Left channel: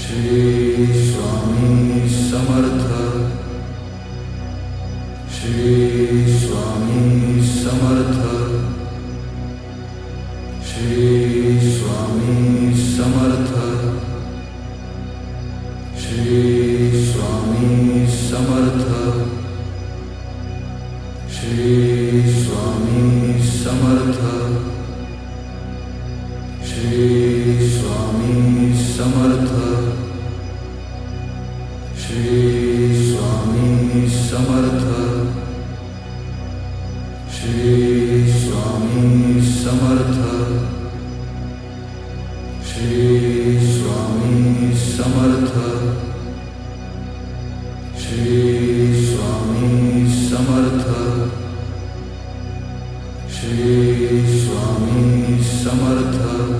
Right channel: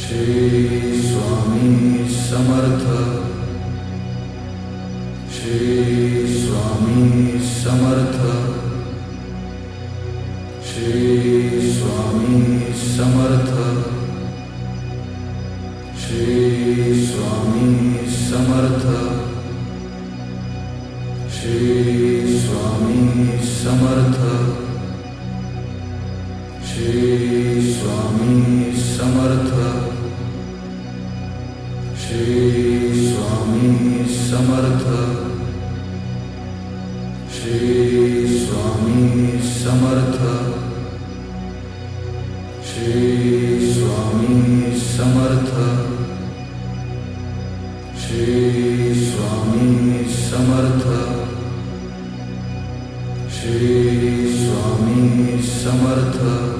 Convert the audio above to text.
Shri Swami Samarth, Shri Swami Samarth, Shri Swami Samarth, Shri Swami Samarth, Shri Swami Samarth, Shri Swami Samarth, Shri Swami Samarth, Shri Swami Samarth, Shri Swami Samarth, Shri Swami Samarth, Shri Swami Samarth,